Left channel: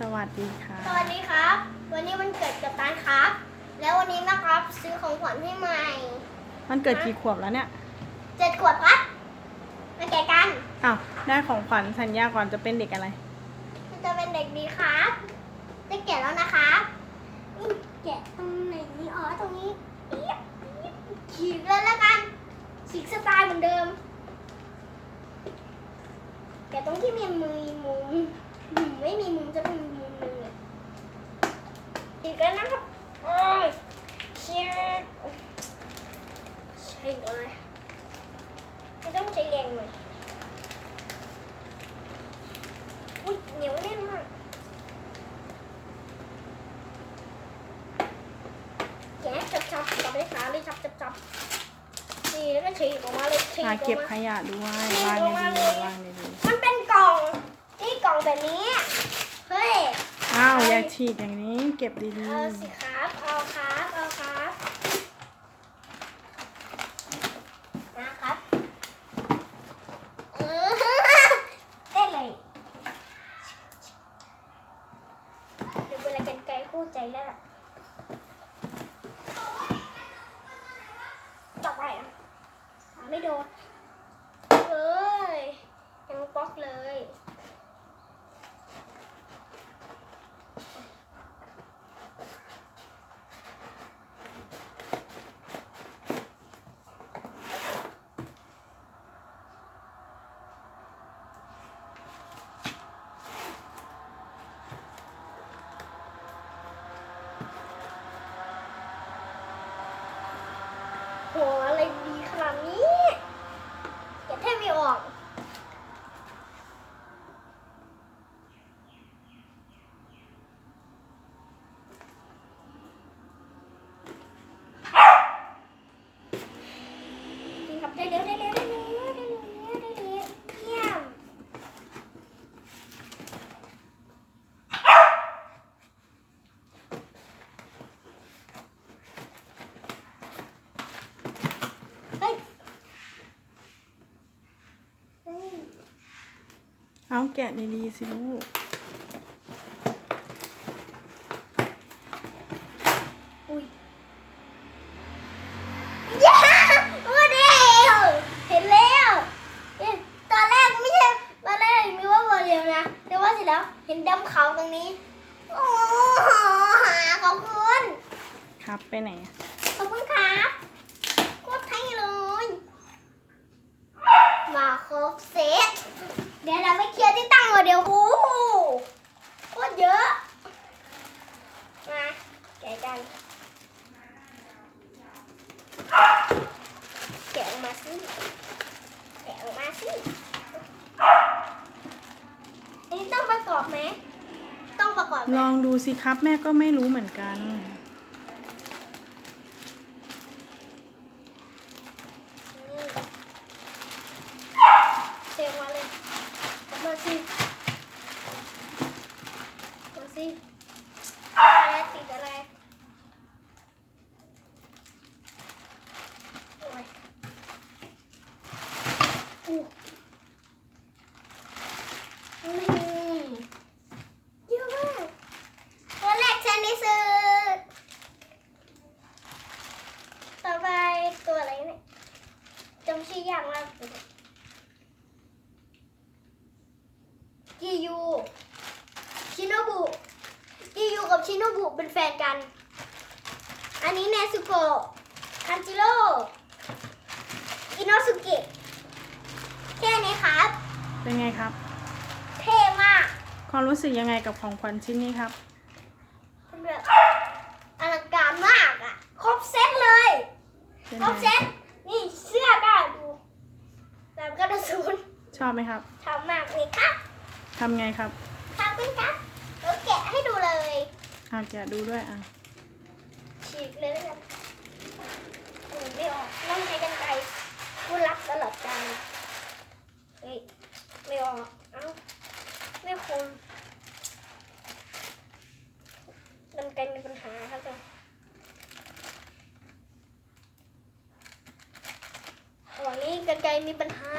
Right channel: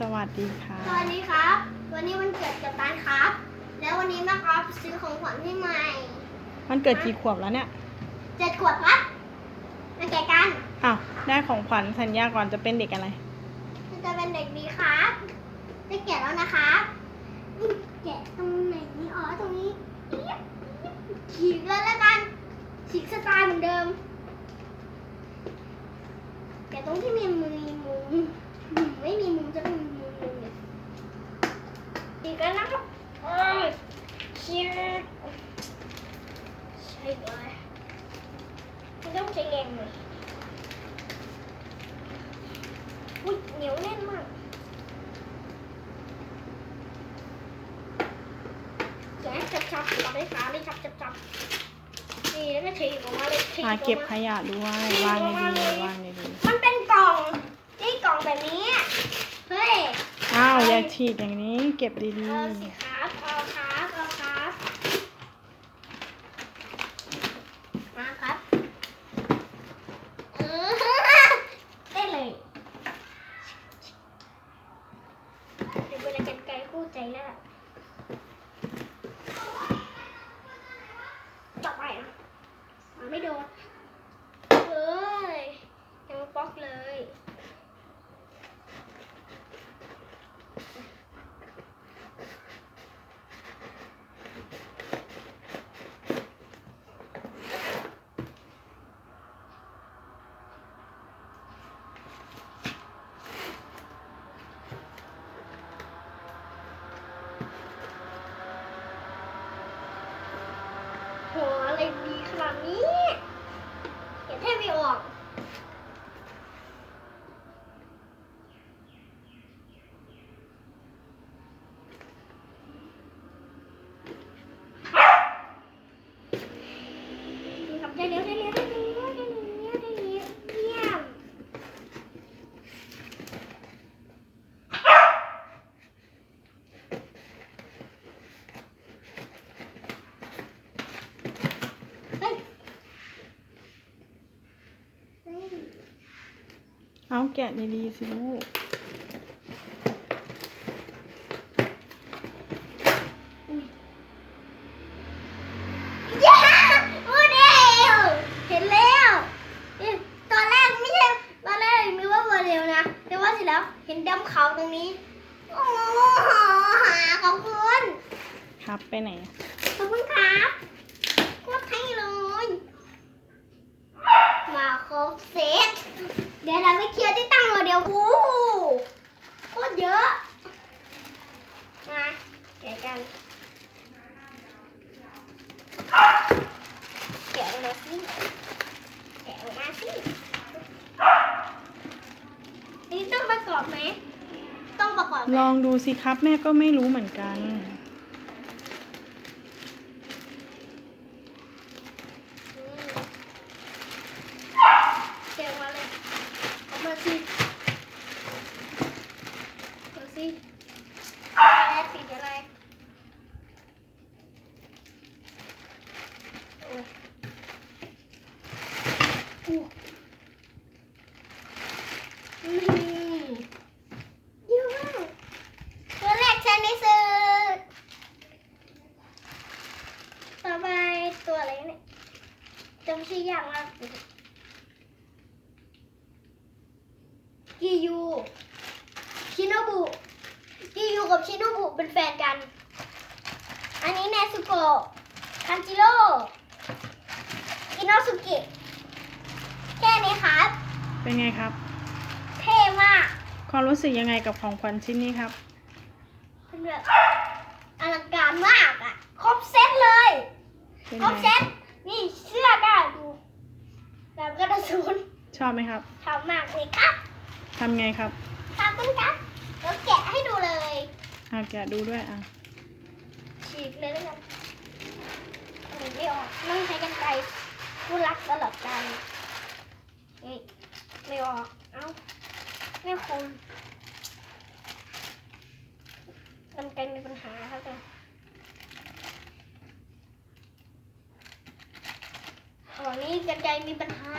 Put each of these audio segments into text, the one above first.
สวัสดีค่ะ สวัสดีครับ วันนี้มันเกิดกับตานครับ แล้ววันนี้นะครับซื้อของขวัญให้ใหม่ มันเกิดกี่ขวบแล้วเนี่ยเจ็ดขวบครับมาแกะกัน อ้าวได้ของขวัญสัญญาก่อนจะเป็นเด็กอะไรมันจะเป็นเด็กดีครับจะแกะแล้วนะครับนี่แกะตรงไหนนี่อ๋อตรงนี้เอี๊ยบเอี๊ยบฉีกเลยแล้วกันฉีกสไตล์เหมือนเดิม แกะตรงที่มีมือมุมอืม ไม่มีมุมจะเป็นมุมหนึ่งเลยฉีกกันนะครับโอ้ยเชียร์ใช่เลยไม่ต้องใช้แรงเลยอุ้ยเหนียวแน่นมากแกะจับจับจับได้ขาเลยจับจับจับนี่แล้วก็ฉีกออกมาเลยฉีกอมาเก็บขยะด้วย วางในดีๆวาง แบบนี้ เฮ้ยๆอ้าวอย่าฉีกอย่างนี้ เก็บดีเอาสิครับ เอาครับ เอาครับ มาครับเออได้เลยเดี๋ยวเวลาจะไกลคู่ใจแล้วล่ะต่อไปนะหาไม่โดนเฮ้ยยังบล็อกเลย โหอะไร ดีขนาดนี้เก็บแทบไม่ออกดีครับได้เร็วได้เร็วได้เร็วได้เร็วได้เร็วเยี่ยมเฮ้ยเฮ้ย ๆ เอาแกะดีๆสิลูกอุ้ยย้าอุ้ยเร็วเห็นแล้วเอ๊ะตอนแรกไม่ใช่ตอนแรกมีว่าโมเดลนะแต่ว่าเสร็จแล้วเห็นดำเขาตรงนี้ โอ้โหขอบคุณ ครับไปไหนอะขอบคุณครับโคตรเท่เลย มาครบเซต เดี๋ยวเราไปเคลียร์ที่ตั้งโมเดลโอ้โหโคตรเยอะ มาแกะกันแกะออกมาสิแกะออกมาสิอันนี้ต้องประกอบไหม ต้องประกอบไหมลองดูสิครับแม่ก็ไม่รู้เหมือนกัน เสียงมาเลย ออกมาสิมาสิอะไรสีอะไรโอ้ยอู้อืมเยอะมากตัวแรกใช้ในสื่อต่อไปตัวอะไรเนี่ยจำชื่อยากมาก กิยูชิโนบุกิยูกับชิโนบุเป็นแฟนกัน อันนี้เนซุโกะคันจิโร่ อิโนสุเกะแค่นี้ครับ เป็นไงครับ เท่มากความรู้สึกยังไงกับของขวัญชิ้นนี้ครับเป็นแบบอลังการมากอะ ครบเซตเลย เป็นครบไงเซตนี่เสื้อได้ดูแบบกระสุนชอบไหมครับชอบมากเลยครับทำไงครับขอบคุณครับเดี๋ยวแกะให้ดูเลย อะแกะดูด้วยอะฉีกเลยแล้วกันอันนี้ไม่ออกต้องใช้กันไกร ผู้รักตลอดกาลเฮ้ยไม่ออกเอ้าไม่คมกันไกรมีปัญหาครับจ้ะอ๋อนี่กันไกรมีปัญหา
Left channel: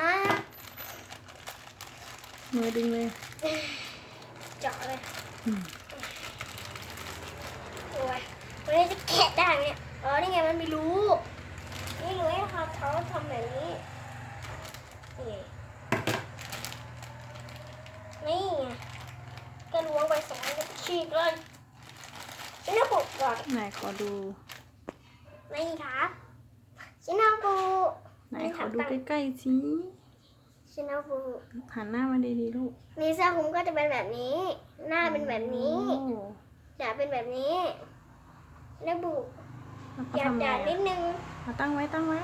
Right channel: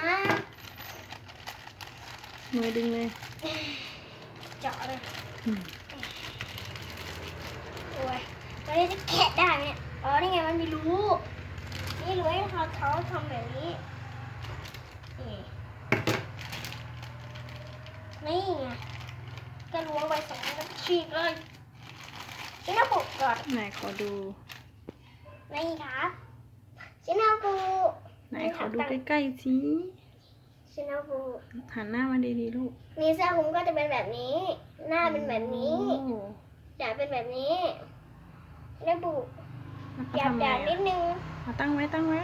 มือดึงเลยเจาะเลยอืมโอ้ยวันนี้จะแกะได้ไหมเนี่ยเออนี่ไงมันไม่รู้นี่ รู้ให้เขาเขาทำแบบนี้ นี่นี่ไงก็ล้วงไปสองก็ฉีกเลยชิ้นหน้าปุกก่อนไหนขอดู นี่ครับชิ้นหน้าปุกไหนขอดูใกล้ๆสิชิ้นหน้าปุกหันหน้ามาดีๆลูกนี่เสื้อคลุมก็จะเป็นแบบนี้ หน้าเป็นแบบนี้โอ้ด่าเป็นแบบนี้หน้าบุกแล้วเขาหยาบทำไงด่านิอะดนึง มาตั้งไว้ตั้งไว้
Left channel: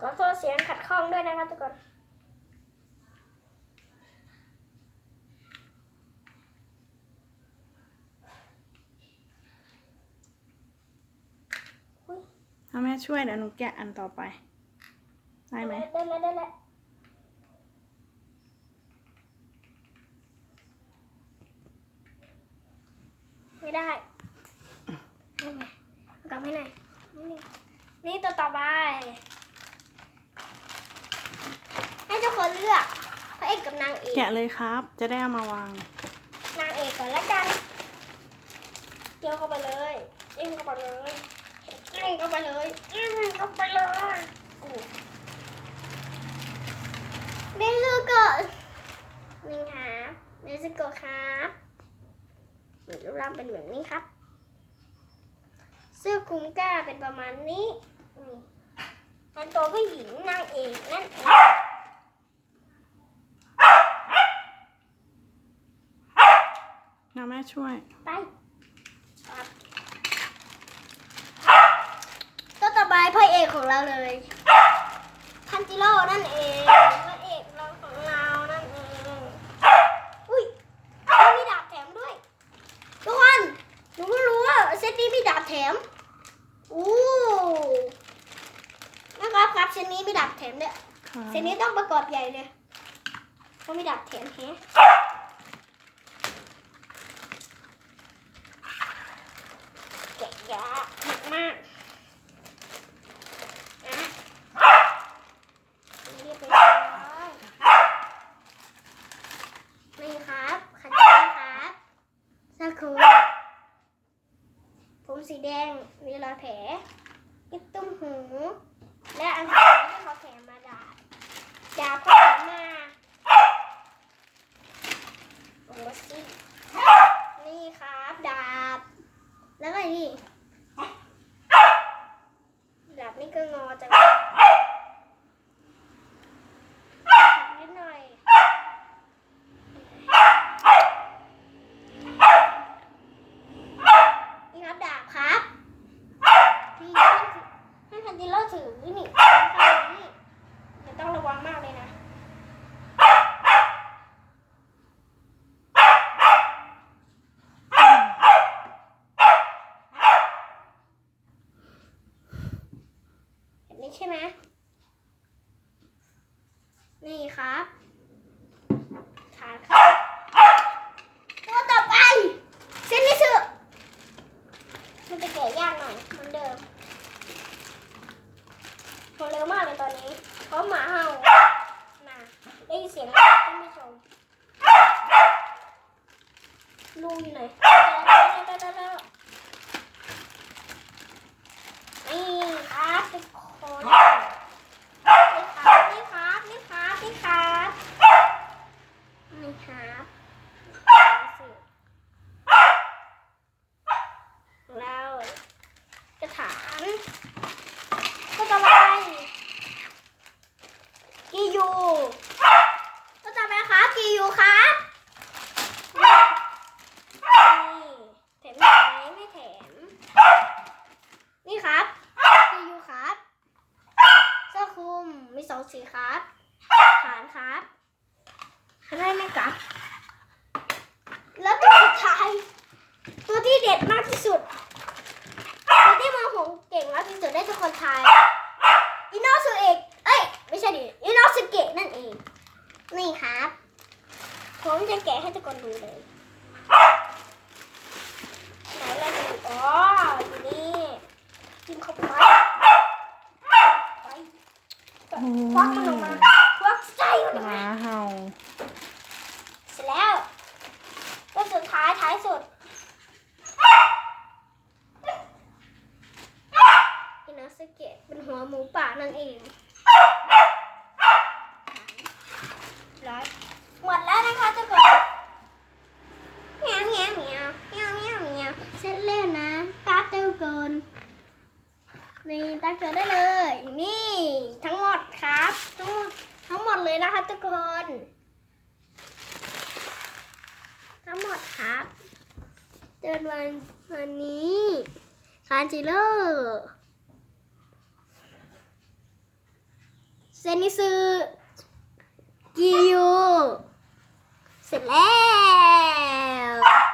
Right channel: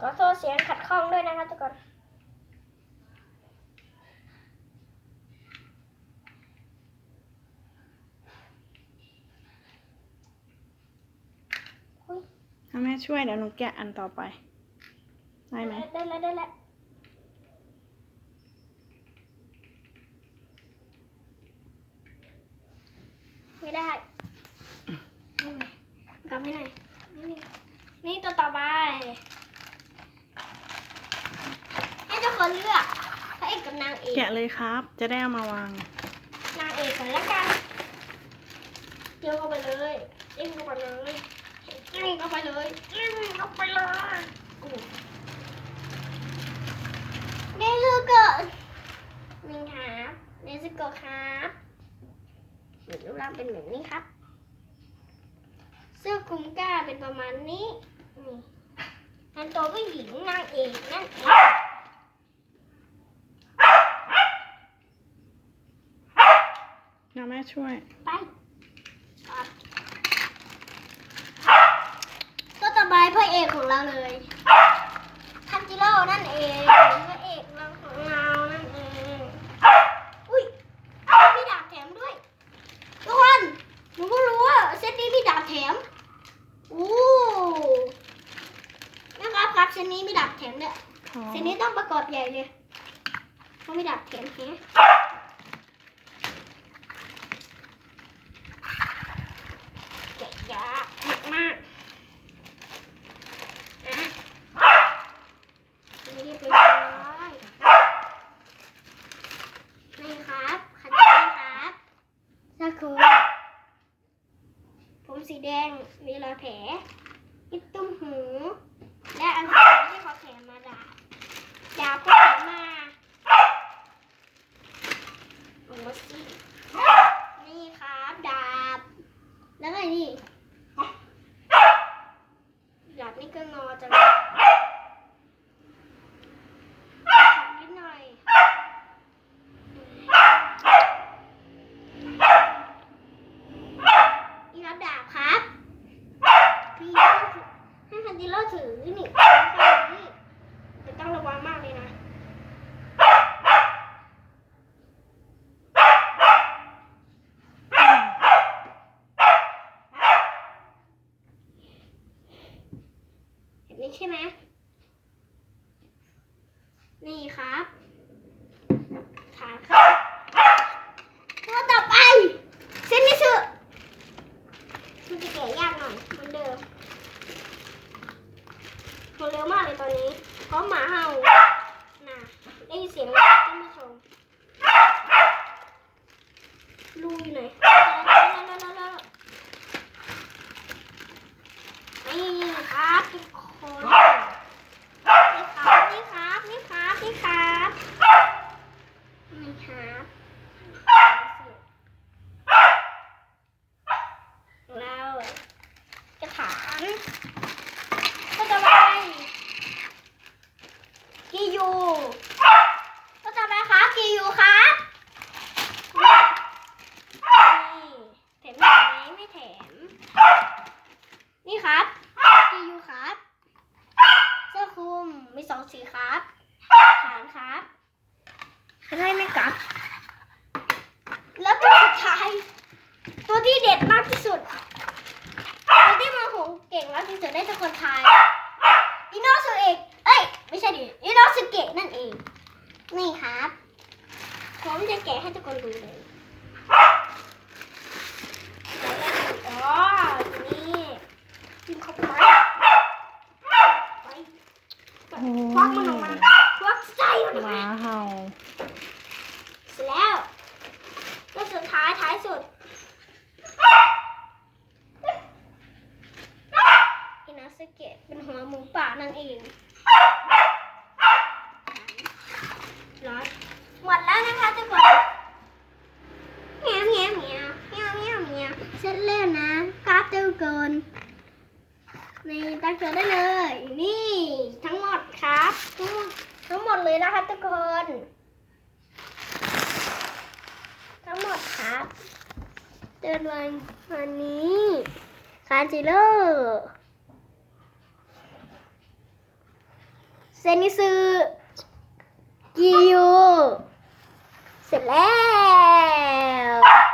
ขอโทษเสียงขัดข้องด้วยนะครับทุกคนถ้าแม่ช่วยเดี๋ยวหนูแกะอันต่อไป ได้ไหม ได้แล้วได้แล้ว ไม่ได้เอาใหม่กลับให้หน่อยนี่นี่ตัวต่อไปให้เจ้าคนเลือกพระเอกกับนางเอกแกะเลยครับ จะได้เอามาวาง นางเอกก่อนละกันเกี่ยวเข้าไปเลยเกี่ยวเข้าไปเลยเกี่ยวเข้าไปเลยเกี่ยวเข้าไปเลยอู้เดซูโกะนี่ครับเดซูโกะครับ มีรูปร่างเป็นแบบนี้ครับ เสื้อคลุมกล้าเป็นประมาณนี้นี่อันตัวก็หญิงนางเอกนั่นเองนะแม่ช่วย ไปตัวต่อไปพระเอกของเราเลยทันจิโร่นั่นเองพระเอกเราของเรานั่นเองอุ้ยมีดาบแถมด้วยทุกคนหนูก็รู้ว่าเซตนี้มีดาบ แถมอู้นะครับครับเซตนี้มีดาบแถมด้วยค่ะเซตนี้ต้องประกอบใหญ่เลยเพราะมีดาบแถมแฮะแกะยากมากอะนี่เป็นร้อยนี่ครับขัดแย้งครับเสื้อคลุมผมสีแดงมีรอยแผลมีตุ้มหู และอันสุดท้ายที่เขาแถมมาดาบดาบก็แถมมาโอ้สินี่ครับดาบ แล้วก็นี่ ดาบนี่ก็งอจังเลยนิดหน่อย นี่ครับดาบครับพี่ ให้คันจิโร่ถือนี่แต่ต้องระวังมากเลยนะแบบนี้ใช่ไหมนี่ครับฐานครับตัวต่อไปเซนนิสึมันจะแกะยากหน่อยเหมือนเดิมทำเร็วมากเลยตอนนี้เพราะหมาเห่าน่ะได้ยินเสียงแล้วท่านผู้ชมลูอยู่ไหน นี่ครับทุกคนนี่ครับนี่ครับนี่ครับนี่ครับนี่ครับเรากระถางก็ต่อไปกียูก็ต่อไปครับกียูครับนี่แถมไหมไม่แถม นี่ครับกียูครับ เสื้อคลุมมีสองสีครับฐานครับ ให้ไหมครับ แล้วตัวสุดท้าย ตัวที่เด็ดมากที่สุดตัวที่มาหงเก่งมากที่สุดได้ทุกคนทายอินโนสุเอกเอ้ย ไม่ใช่ดิอินโนสุเกะนั่นเอง นี่ครับ ผมจะแกะให้ทุกคนดูเลย ลืได้เลย นี่ทั้งหมดครับทั้งหมดทั้งหมดเลยนะคะทุกคน ทั้งหมดครับเดินวันวันนี้คานจิโร่เซนิซึกิยูเสร็จแล้ว